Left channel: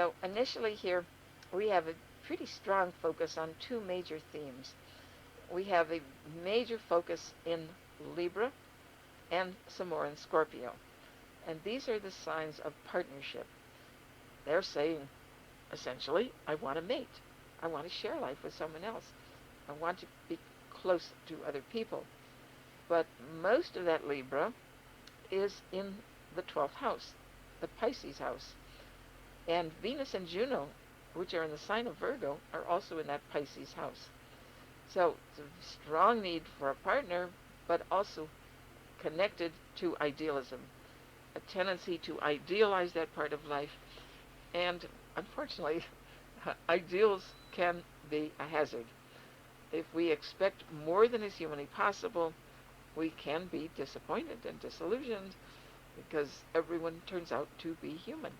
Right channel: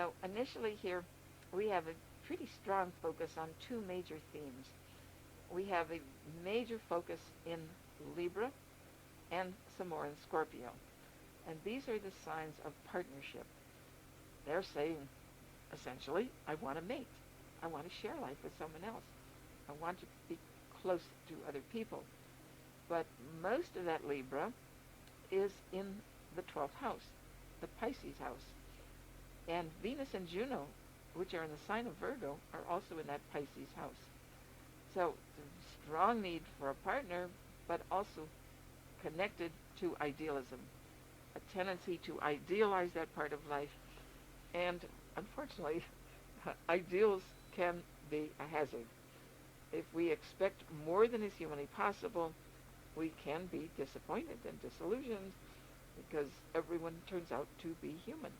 So initially here, we have a pretty strong focus on two major themes. We have a major focus in Libra and some more in Scorpio. And these are the signs of partnership. They're saying, essentially, I want to mate. I want to share life with someone else. I want to be close to other people. But most of that Libra is in the 12th house, the Pisces house. And Venus and Juno, which are in the sign of Virgo, are also in that Pisces house. So it's a strong need for a partner, but also connected to idealism, a tendency to idealize that part of life. And unfortunately, ideals can be a hazard. If we expect more than is humanly possible, we can be disappointed and disillusioned because everyone turns out to be human.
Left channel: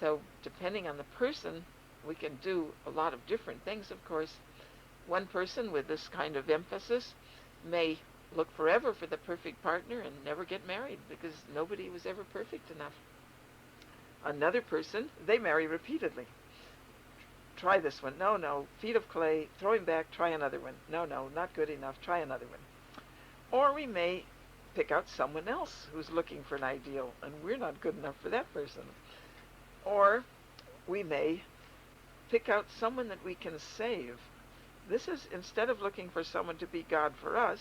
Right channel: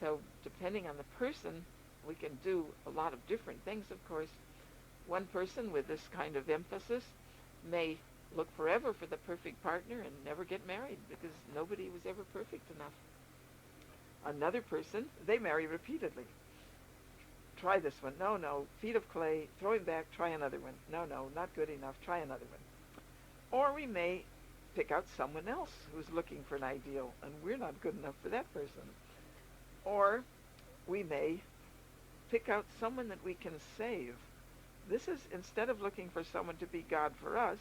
So depending on the person, we can do a lot of different things, of course. One person with this kind of emphasis may look forever for the perfect partner and never get married because nobody was ever perfect enough. Another person, they marry repeatedly. Try this one. No, no. Feet of clay. Throw him back. Try another one. No, no. Not good enough. Try another one. Or we may pick out someone else who's looking for an ideal, and we're not good enough for that person. Or we may pick out someone that we can save. This is, instead of looking for someone to be God for us,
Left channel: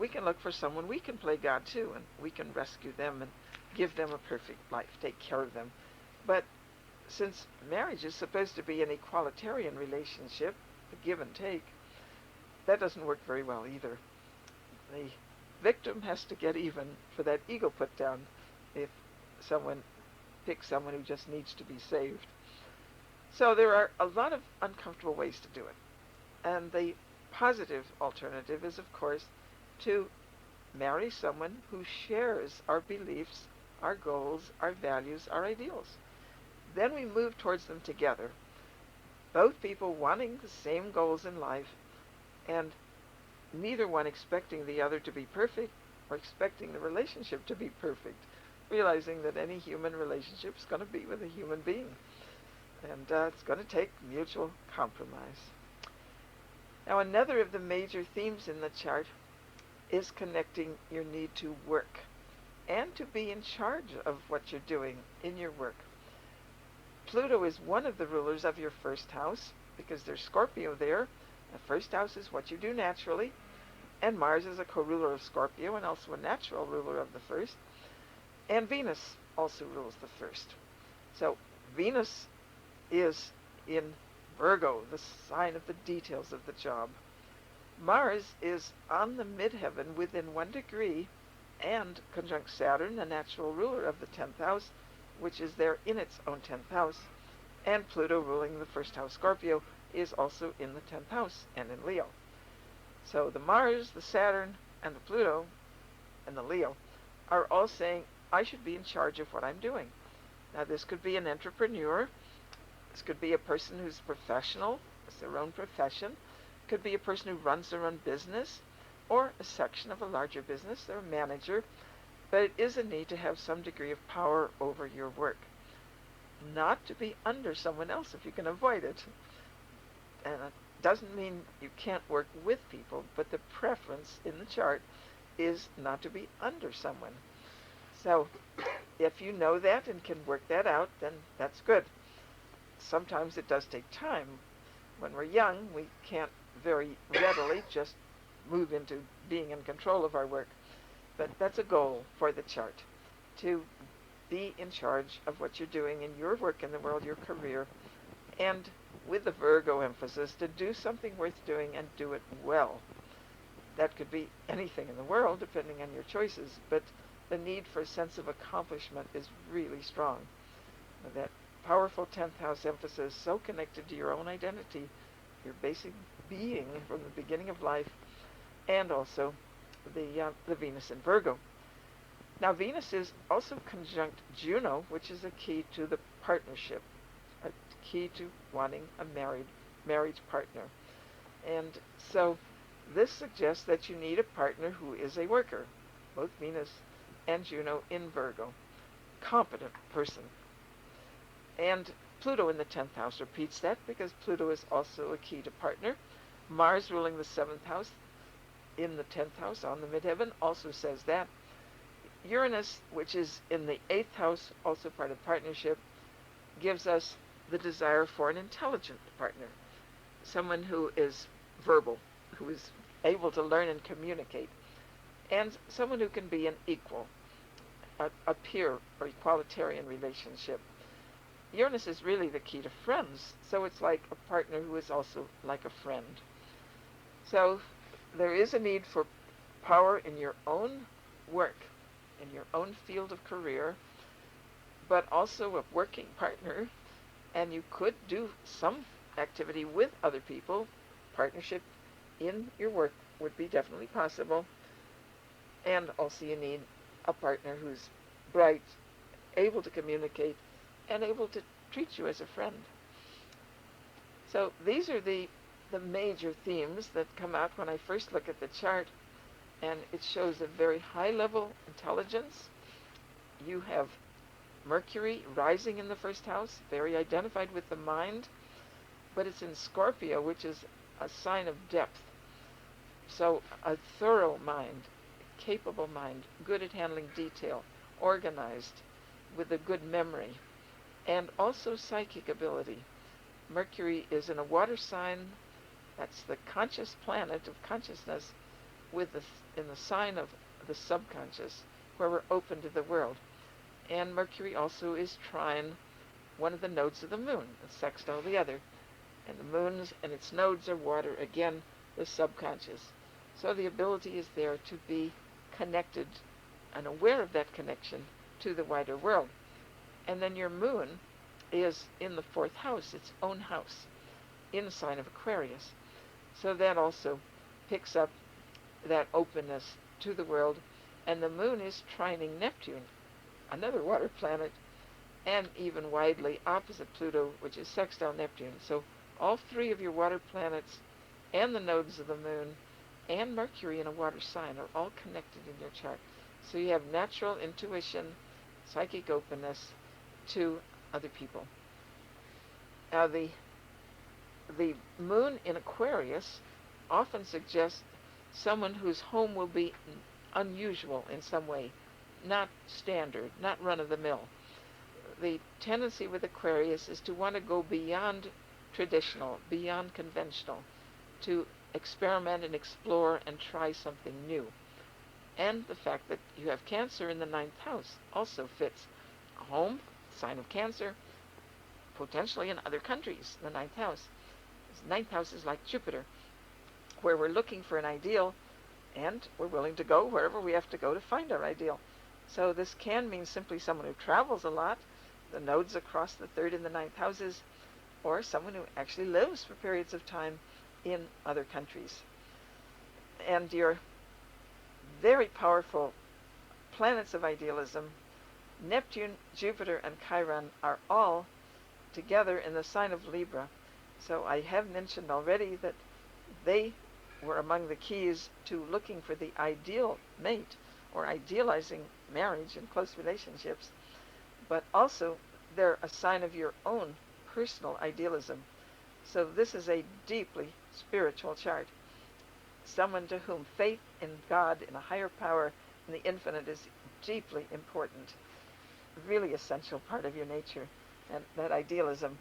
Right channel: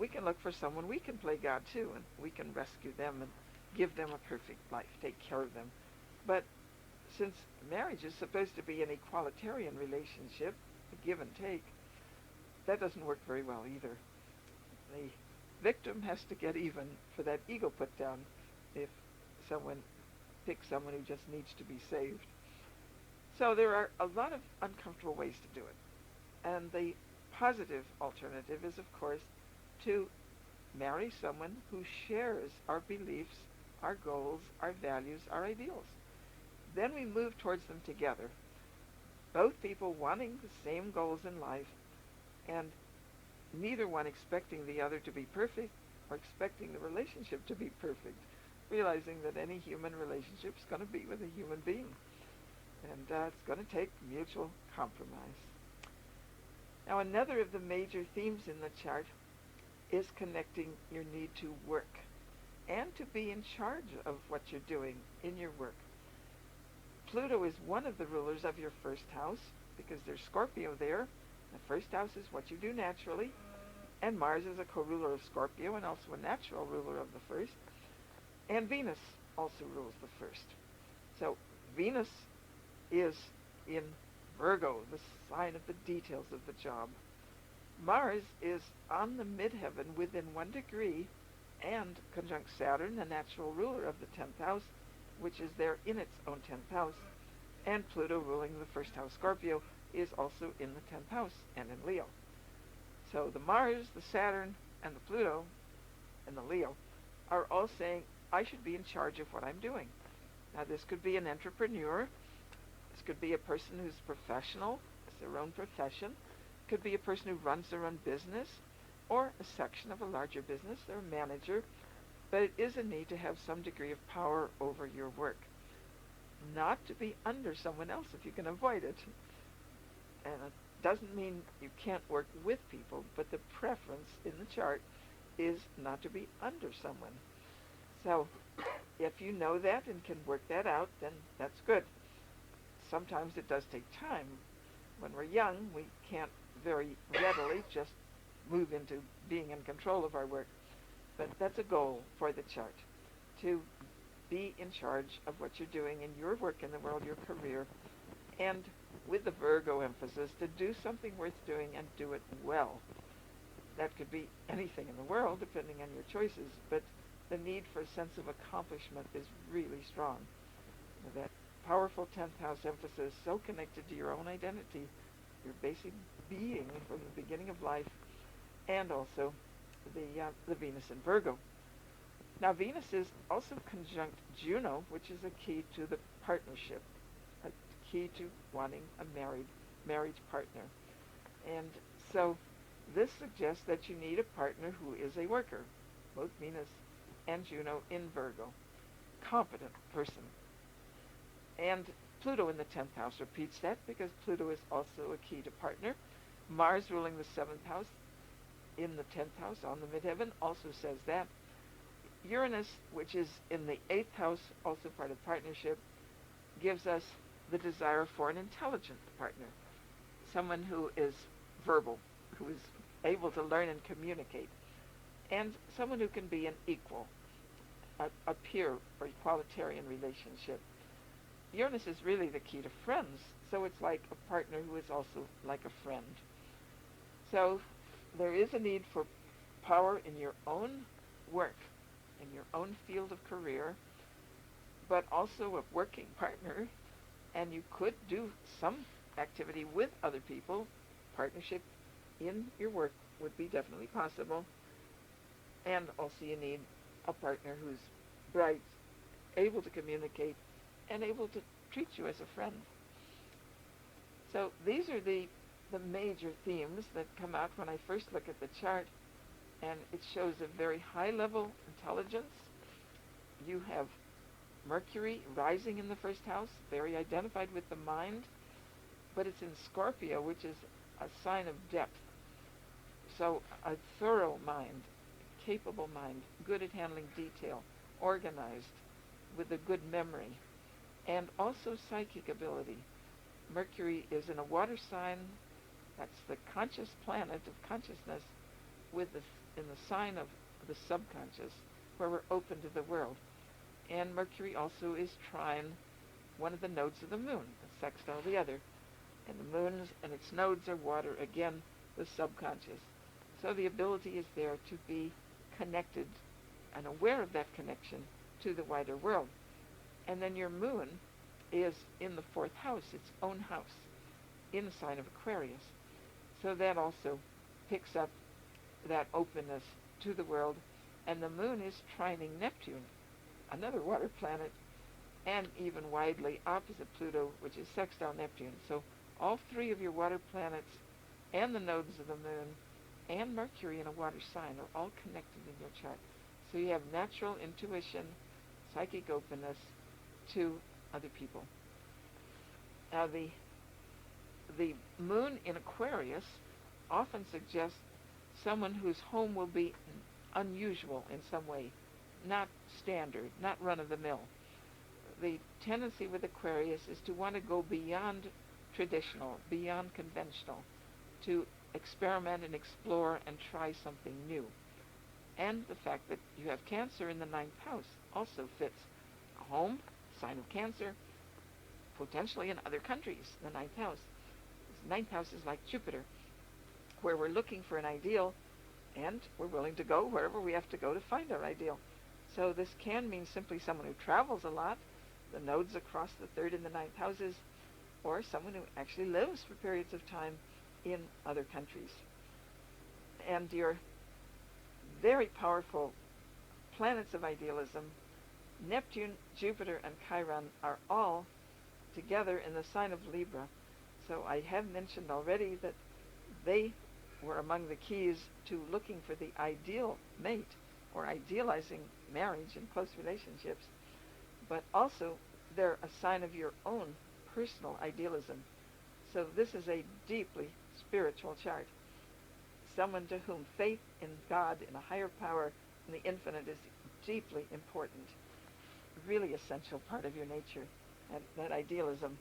we can look for someone we can play God to, and we can rescue them and give them a perfect life, take care of them. But since marriage is supposed to be an equalitarian relationship, a give and take, that doesn't work very well either. The victim has to get even for that ego put down if someone picks someone who just needs to be saved. So there are a lot of uncomfortable ways to do it. And the positive alternative is, of course, to marry someone who shares our beliefs, our goals, our values, our ideals. Then we move towards them together, both people wanting the same goals in life, and neither one expecting the other to be perfect or expecting the relationship to be perfect, realizing that any human relationship is going to be with a human being, and it's going to take mutual compromise. Now, another of the major themes in the chart is connecting your need to work and to be in charge of what you're doing in your work. Pluto is one of the rulers of your first house because there's Scorpio there. The first house is what you do naturally, and Mars is a co-ruler of Scorpio and also a natural ruler of the first, and Venus also rules the first. So Venus is in Virgo, the sign of the details of the job. Mars is on the midheaven within 1 degree and conjunct Saturn, the natural ruler of the 10th house, which is there in its own 10th house. And Pluto, ruling the first house, Scorpio, is also in the 10th house and in Leo. So the Mars, the Saturn, and the Pluto, and the Leo are all saying, I should be in charge of what I'm doing. Now this could be an entrepreneur. This could be a person who's professional, it's their own profession. It could be a person who runs their own business or a section of a larger business. They're a manager. But it is a need to have some degree of power over your work. Not to be under someone else if you can avoid it. And it doesn't mean you can't work with people, but the preference in the chart is not to be under someone. So if you know that and can work that out, then that's good. Sometimes it does take time. When we're young, we can't very readily just move into being in control of our work. But that's a goal for the chart, to be in charge of what you're doing in your work in the world, your career, and with the Virgo emphasis, to do something worth doing and do it well. That could be anything in the world, depending on your choices, but the need for a sense of accomplishment is really strong. That powerful 10th house emphasis, so connected to your own identity, your basic being from the beginning of life, and also the Venus in Virgo. Now Venus is also conjunct Juno, which is a key to the partnership, a key to wanting a marriage partner. And so this suggests that you need a partner who is a worker, both Venus and Juno in Virgo, competent person. And Pluto in the 10th house repeats that because Pluto is also a key to partner. Mars ruling the 7th house in the 10th house on the midheaven also says that. Uranus, which is in the 8th house, also part of partnership, gives us the desire for an intelligent partner, someone who is verbal, who is able to learn and communicate, and someone who can be an equal, a peer or equalitarian relationship. Uranus is really the key to friends, so it's like a partner who is also like a friend. So there is a need for power in your own work, in your own field of career, but also a working partner, and you could do some activity with other people. Partnership in your work would be definitely possible. And also you need a partner who's bright, able to communicate, and able to treat you as a friend. So these are the major themes that come out when I first look at the chart, and it shows a very high level intelligence. You have Mercury rising in the first house, very identified with the mind, but it's in Scorpio, which is a sign of depth. So a thorough mind, capable mind, good at handling detail, organized, with a good memory, and also psychic ability. Mercury is in a water sign, that's the conscious planet of consciousness, in the sign of the subconscious, where we're open to the world. And Mercury also is trine one of the nodes of the moon, it's sextile the other. And the moon and its nodes are water, again, the subconscious. So the ability is there to be connected and aware of that connection to the wider world. And then your moon is in the 4th house, its own house, in the sign of Aquarius. So that also picks up that openness to the world. And the moon is trining Neptune, another water planet, and even widely opposite Pluto, which is sextile Neptune. So all three of your water planets and the nodes of the moon and Mercury in a water sign are all connected in your chart. So you have natural intuition, psychic openness to other people. Now the moon in Aquarius often suggests someone whose home will be unusual in some way, not standard, not run-of-the-mill. The tendency with Aquarius is to want to go beyond traditional, beyond conventional, to experiment and explore and try something new. And the fact that you have Cancer in the 9th house also fits. Home, sign of Cancer, potentially in other countries, the 9th house. The 9th house is like Jupiter, where we're looking for an ideal, and we're willing to go wherever we have to go to find our ideal. So this can mean simply someone who travels a lot, the nodes across the 3rd and the 9th houses, or someone who actually lives for periods of time in other countries. And your very powerful planets of idealism, Neptune, Jupiter, and Chiron, are all together in the sign of Libra. So I have mentioned already that they were among the keys to looking for the ideal mate or idealizing marriage and close relationships. But also they're a sign of your own personal idealism. So this is a deeply spiritual chart. Someone to whom faith in God, in a higher power, in the infinite is deeply important, really essential part of your nature, and that idealism.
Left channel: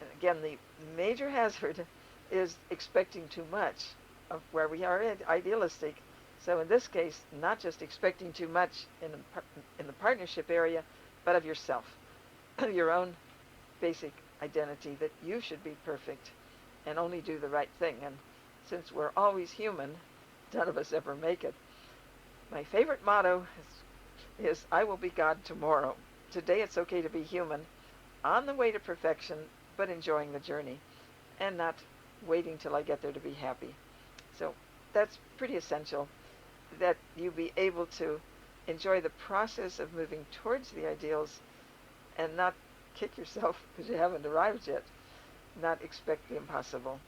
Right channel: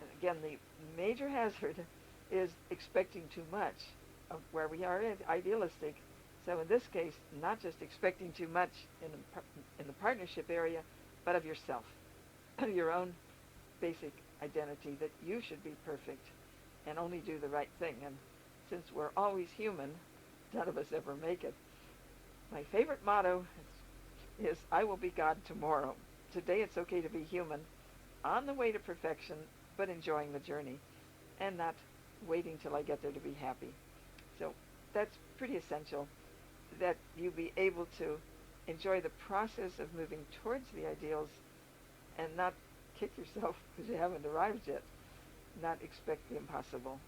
And again, the major hazard is expecting too much of where we are idealistic. So in this case, not just expecting too much in the partnership area, but of yourself, your own basic identity that you should be perfect and only do the right thing. And since we're always human, none of us ever make it. My favorite motto is I will be God tomorrow. Today it's okay to be human, on the way to perfection, but enjoying the journey, and not waiting till I get there to be happy. So that's pretty essential, that you be able to enjoy the process of moving towards the ideals and not kick yourself because you haven't arrived yet, not expect the impossible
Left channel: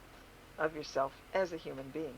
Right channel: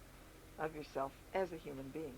of yourself as a human being.